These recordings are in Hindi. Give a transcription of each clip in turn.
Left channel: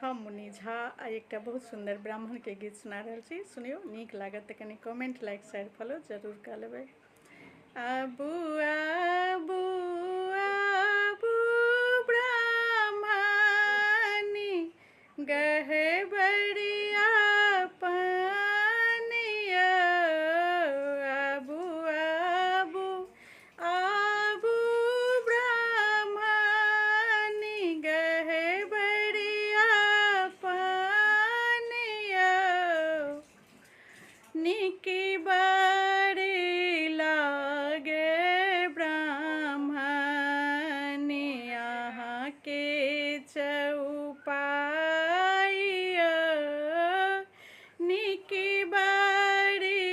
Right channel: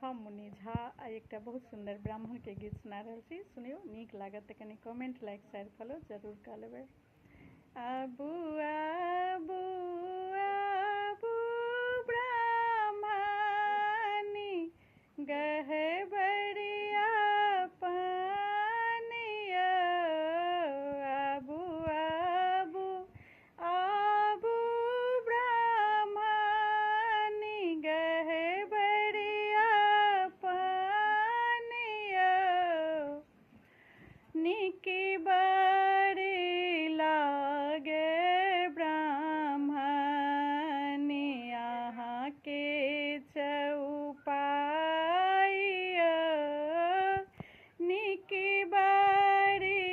हम मुनि झा एक बहुत सुंदर ब्राह्मण के गीत सुना रहा छी। सुनियो, नीक लागत तो कनी कमेंट, लाइक, शेयर, फॉलो जरूर कर लेबै। आबू आबू आबू ब्राह्मणी गहबरिया पानिया। आबू आबू आबू ब्राह्मणी गहबरिया पानिया। निकी बड़ी लागे ब्राह्मणी यहाँ के चौपाइया। निकी बड़ी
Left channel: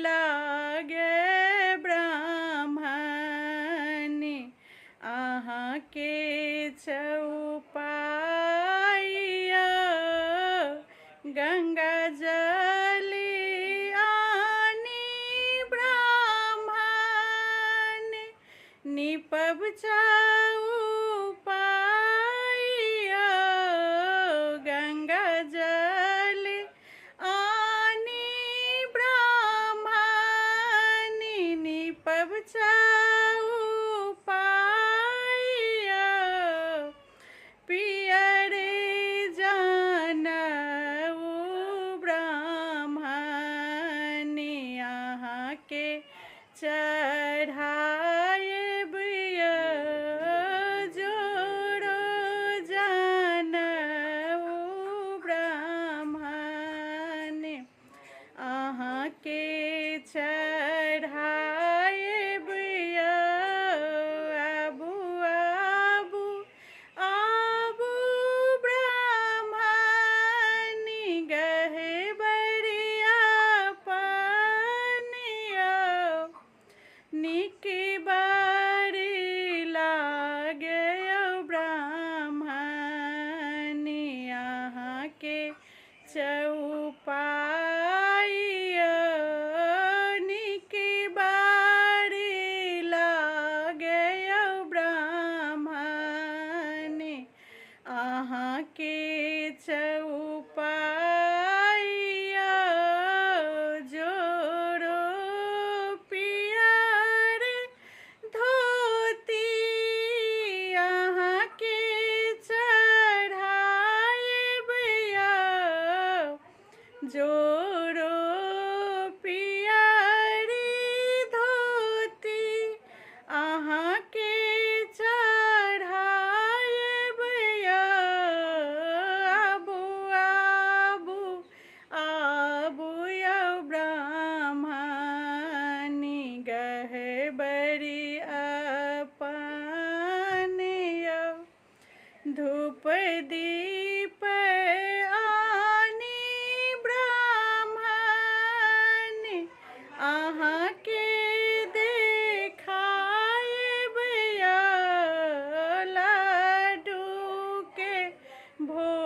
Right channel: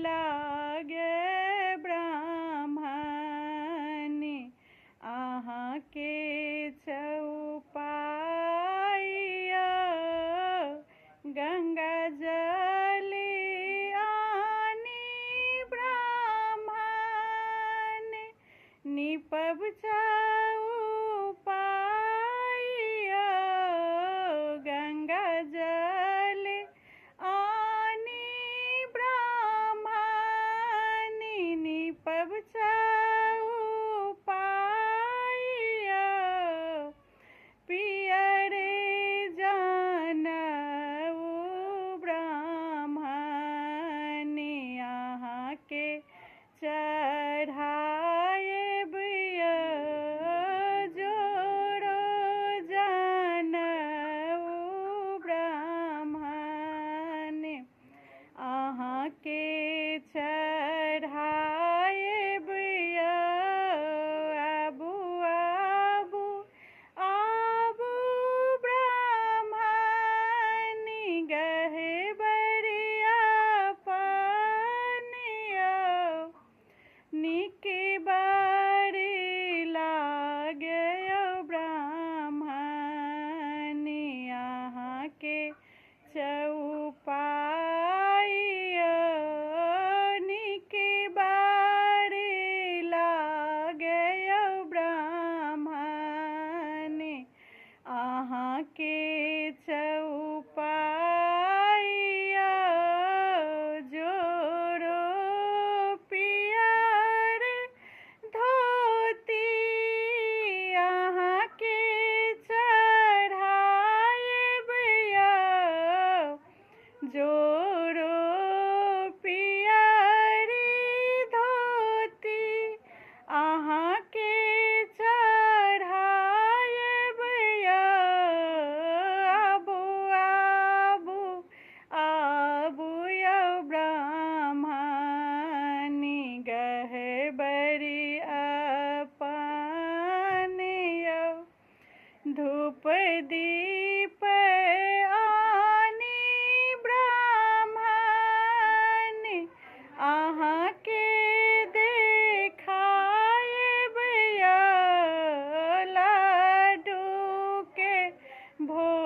लागे ब्राह्मणी यहाँ के चौपाइया। गंगा जली आनी ब्राह्मण निपब चौपाइया। गंगा जल आनी ब्राह्मण निपब चौपाइया। पियरे जानऊ ब्राह्मण यहाँ के चढ़ाएब जोड़ो जानऊ ब्राह्मण अहाँ के चढ़ाएब। आबू आबू आबू ब्राह्मणी गहबरिया पानिया। निकी बड़ी लागे ब्राह्मणी यहाँ के चौपाइया। निकी बड़ी लागे ब्राह्मणी अहाँ के चौपाइया। जोड़ो पियर धोती यहाँ के चढ़ाएब। जोड़ो पियरी धोती अहाँ के चढ़ाएब। आबू आबू आबू ब्राह्मणी गहबरिया पानिया। धूप दीप आनी ब्राह्मण अहाँ के देखाएब। लड्डू के भोग